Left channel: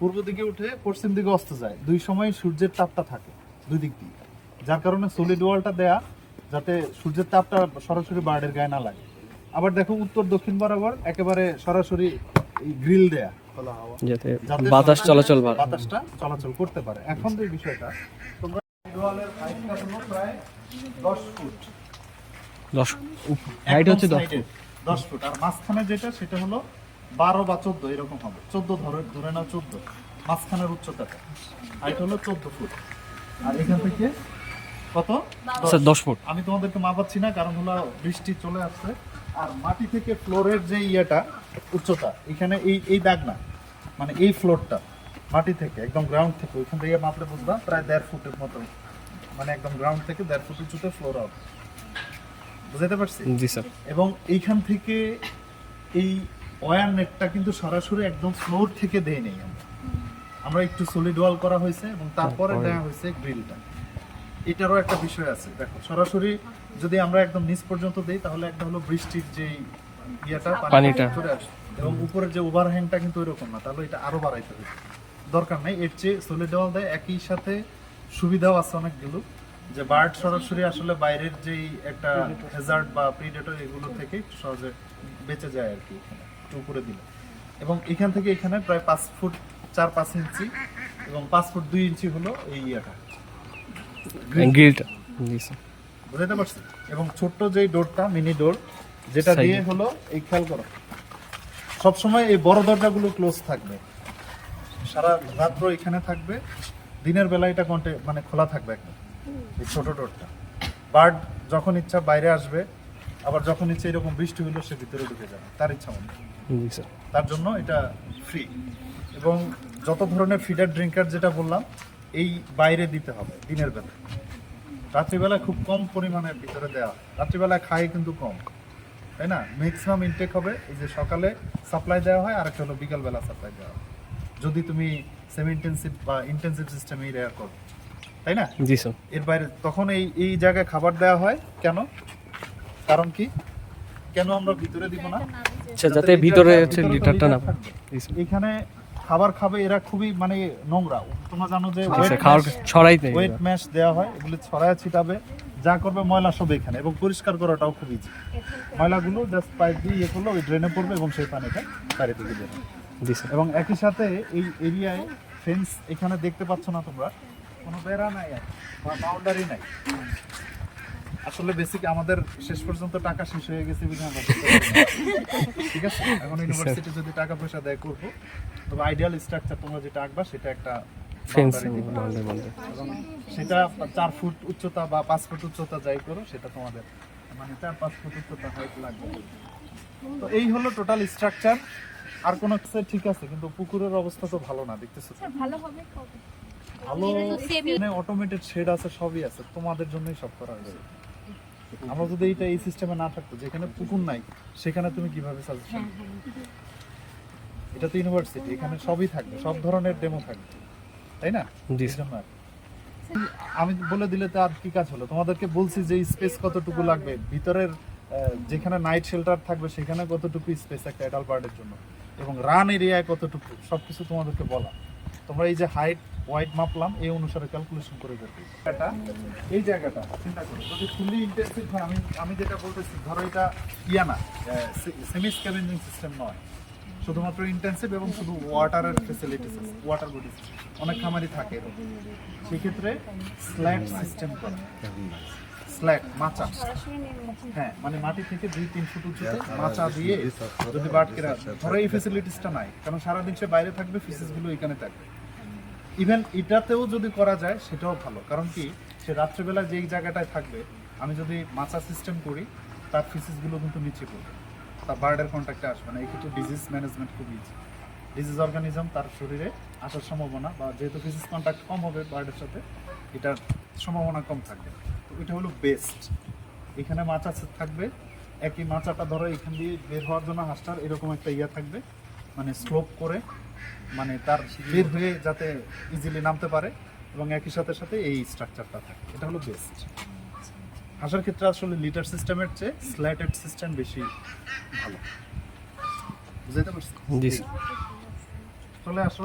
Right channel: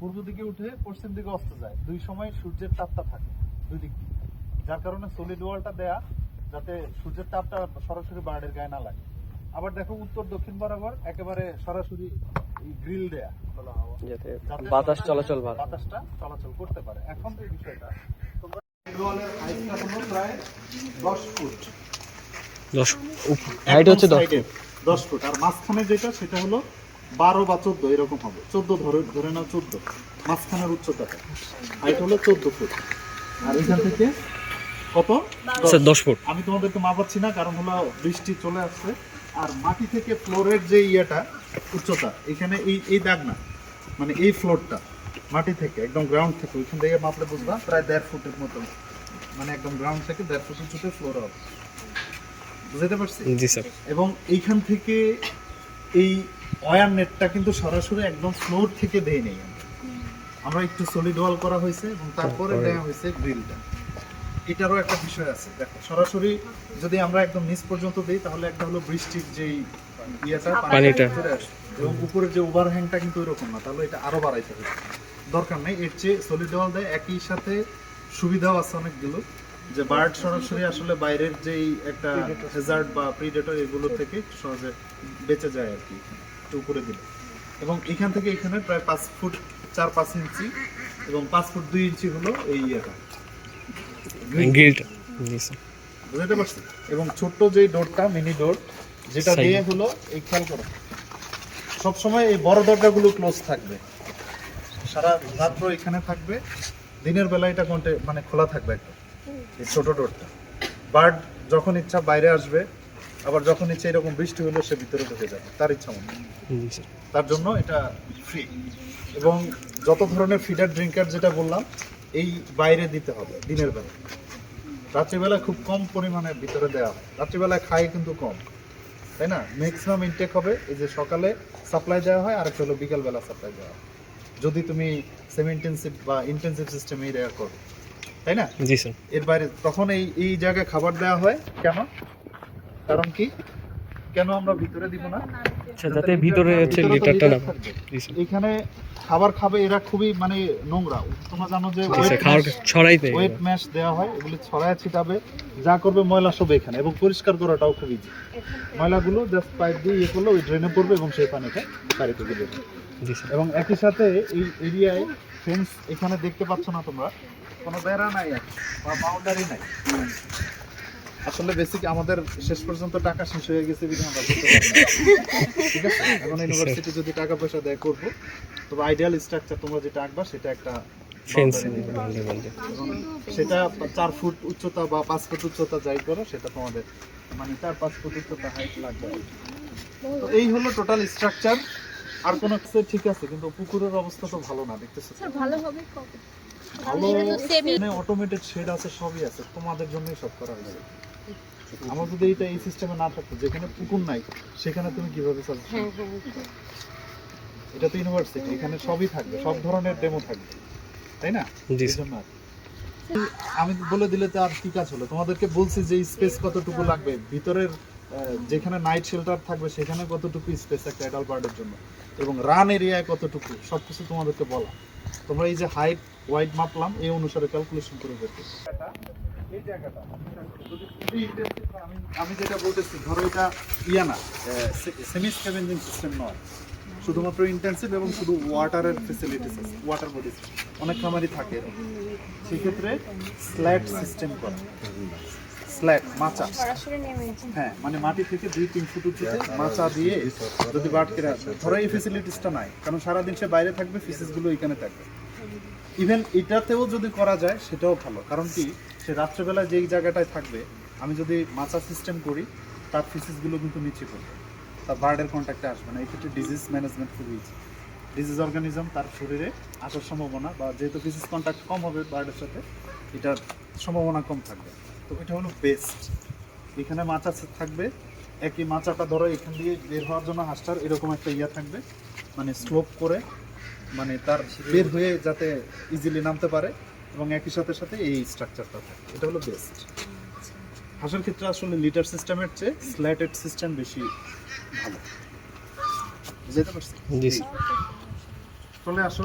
পূর্ব দিকে উঠে পশ্চিম দিকে অস্ত যায়, দুই সময় সূর্যের তাপটা থাকে দুই দিক দিয়ে, যার কারণে সলিড ওয়ালটা দেয়া যাতে সূর্যের তাপটা সরাসরি বার্ডের গায়ে না লাগে। আবার দেখো উত্তর দক্ষিণ বরাবর একেবারে সরাসরি গ্রিল দেয়া, যাতে বাতাস চলাচল বাতাসটা চলাচল করতে পারে। এখন যে বিষয়টা, তোমরা ওয়ালের হাইটটা হলো প্রায় 10 ফুট, 10 হাইট হচ্ছে 10 ফুট, আর মাঝখানে যেটা সেটা হলো 12 বা 14 এরকম হবে, 14 ধরে নাও 14, মাঝখানের উচ্চতাটা হাইট হলো 14 ফুট। আর এখান থেকে কত? 10 ফুট। আমি তোমাদেরকে মাপাচ্ছি না, কারণ হলো বৃষ্টি চলে আসছে। আর মাটি থেকে ফ্লোরের যে ইয়েটা উচ্চতা, এখানে এই দাগ না, মানে এই ফ্লোরটা মাটি থেকে একদম গ্রাউন্ড থেকে, ওইখান থেকে মাপলে বুঝবা প্রায় 1.5 ফুটের মতন, মানে একদম গ্রাউন্ড থেকে 1.5 ফুট উঁচুতে ফ্লোর হবে, বুঝতে পারছি? জি স্যার। এবং এইখান থেকে এই ওয়্যার নেটটা কিন্তু সরাসরি একদম ফ্লোর থেকে দেই নেই, আমরা একটু সলিড ওয়াল করা হয়েছে এবং তারপরে দেওয়া হয়েছে গ্রিলটা। এটারও একটা বিষয় আছে, দেখো সরাসরি যদি আমরা একদম নিচ পর্যন্ত দিই তাহলে একটা হলো বৃষ্টির যেই ইয়েটা পানিটা চলে আসে, এবং উপরের যে ওভারহ্যাংটা কিন্তু এরকম না, তাহলে এটা আরো বাড়াইতে হবে, দরকার নেই। এর চেয়ে সলিড ওয়াল দেয়, একই সাথে সুবিধাও আছে অনেকগুলো, যে বার্ড সরাসরি আসলে বাইরের যেই একটা হ্যাজার্ড বা প্রিডেটর এগুলো থেকে সহজে বেঁচে যায় আর কি একটু উপরে দিলে। এবং এখান থেকে এখানে প্রায় 5 ফুট 4-5 ইঞ্চি এবং 5 ফুট 2 ইঞ্চি হলো এই ইয়েটা গ্রিলটা। জি স্যার। বুঝতে পারছি? এবং ছোট্ট যেই ডোরটা, মিনি ডোর, যেটা দিয়ে হলো এই, খেয়াল করো সবসময় এই বড় দরজাগুলো ক্লোজ থাকবে, সারা রাত্র এখানে থাকবে, দিনের বেলা এটা মানে খোলা থাকবে একদম, এই ছোট ডোরটা। বার্ড যখন ইচ্ছা বাইরে আসবে, আবার যখন ইচ্ছা এরকম বৃষ্টি হলে সে ভিতরে ঢুকে যাবে তার ইচ্ছা মতো। জি স্যার। তার জন্য এটা ফ্রি। এবং যত ধরনের ফিডার ড্রিঙ্কার যেটা বললাম, এই বাইরে দিতে হবে দিনের বেলা, রাত্রিবেলা খুব কম পরিমাণের ভিতরে দেওয়া হয়, রাত্রিবেলা খায় কিন্তু কম, তাই না? ম্যাক্সিমাম ইনটেক হবে এই যে সকালে সাপ্লাই দেওয়া হয়, আর একটা হলো বিকালবেলা সাপ্লাই দেওয়া হয়, যদি তুমি সেমি ইন্টেন্সিভ বা ইন্টেন্সিভ সিস্টেমে এরিয়া করো, তাই না? জি স্যার। এর বাইরে তখন এই জায়গায় খাবার দেওয়া হয় কেন, কারণ কি, কেন আমরা ভিতরে দিব না? আচ্ছা, যাতে ভিতরে হচ্ছে লিটারটা না এখানে খাবার খাবে এরা, খুবই মানে নোংরা, তোমরা জানো যে খাবার ছড়াইতে ওয়েট ম্যাশ দেওয়া হয়, এগুলো ছড়ায় ছিটাবে, যা করবে ময়লা সব এখানে, এবং পরিষ্কার করাটাও খুব ইজি। ময়লাগুলো জাস্ট পাইপ দিয়ে ইয়ে করলে ওই ড্রেনে পড়বে এবং সেই পানিটা বাড়িতে দিবে। জি স্যার। এবং একই সাথে এই এরিয়ায় ফেন্স এখানে দেখতে পাচ্ছ না তোমরা, কোনো বেড়া নাই আর বাউন্ডারি নাই। আসলে বেসিক আমাদের শেষ পর্যন্ত টাকা শেষ হয়ে গেছে বিধায় আমরা করতে পারবো না। ঠিক আছে, এখন ইউনিভার্সিটি যদি টাকা পয়সা দেয় করবো, তবে আইডিয়াল স্ট্রাকচার তোমরা যেটা আঁকবা সেটা একটা ফেন্স এবং সেটা 4 ফুট উচ্চতা বা 5 ফুট উচ্চতা যাই করো, সেটা তোমাদের মানে 4-5 ফুট উচ্চতা হাইট লাগবে। তো এই হলো টোটাল স্ট্রাকচার। আর কোনো কিছু ঠিক আছে, কিন্তু পুকুরের অবস্থা তো ভালো না, দেখতেছি ভালো হবে কবে? ভালো, মানে অটোমেটেড শেড আছে, সবই আছে, তোমাদের জন্যই সব করা হয়েছে। আমার যদি এটা এই সিস্টেমে না থাকতো, যেখানে পুকুর নাই সেখানে তুমি কিভাবে সাজেশন? এটা তো ইউনিভার্সিটি, এখানে সবই থাকবে, সব ধরনের ডেমো থাকবে, তাই না? আমি বলে দিলে তো আর কি কাজ হলো? তোমাদেরকে বলছি যে স্পেস কতটুকু লাগবে, ভিতরের যেখানে নাইট শেল্টার থাকবে সেখানে কতটুকু স্পেস একটা অ্যাডাল্ট বার্ডের জন্য, এবং রান এরিয়ায় কতটুকু, সবকিছু তোমাদেরকে বলা। তোমরা এই যে হাইট ওয়াইড মাপলাম, এই অনুসারে ক্যালকুলেশন করে করতে। এই জায়গাটা যদি ফুলি ইন্টেন্সিভ হয়, আমি যেটা বলতেছি, ধরো এটা ইয়া না, সেমি স্ক্যাভেঞ্জিং সিস্টেম নয়, শুধুমাত্র ইন্টেন্সিভ এবং শুধু ওয়াটারের ফেসিলিটিস আছে, ওয়াটার বডিজ অনেক খামারই থাকে, সেক্ষেত্রে স্ল্যাট সিস্টেম করে, স্ল্যাট মাচা, হ্যাঁ, মানে মাটি থেকে 2-3 ফুট উঁচুতে মাচা দিয়ে যদি বাটকে রাখে, ধরো এই ফেসিলিটিসটা নাই, কারণ সারাদিন সে বাইরে থাকবে, ফিসেসগুলো এখানে থাকবে। ইভেন এটাতেও যদি করা যায় সেটাও ভালো, কারণ কি, সে রাত্রেবেলা যেই জায়গাটায় থাকবে, আমি যদি মাচা সিস্টেম করি, তার ফিসেসগুলো কিন্তু নিচে পড়বে, তার বার্ডের কন্ট্যাক্টে আসবে না। এই ক্ষেত্রে ডিজিজ ম্যানেজমেন্ট খুবই ইজি, ডিজিজ অর্গানিজম তার শরীরে আসার সম্ভাবনা, বা যেহেতু ফিসিস কন্ট্যাক্ট কম হবে বার্ডের সাথে, এটার সম্ভাবনা কম থাকবে। তো এটা হলো বেস্ট। এখানে মাচা থাকবে, একই মাচাটা ধরো এখান দিয়ে বের হওয়ার জন্য হাঁসটার এরকম একটা ইয়া থাকবে, মানে স্লোপ করে, মানে তার বের হয়ে যাতে ইজিলি নামতে পারে, এবং একই সাথে সাথে এই স্ট্রাকচারটা থাকে, এটা হলো বেস্ট। হাঁসের ক্ষেত্রে আসলে লিটার সিস্টেমের চেয়ে স্ল্যাটেড সিস্টেম বেশি ভালো, বুঝতে পারছি? চলে আসো।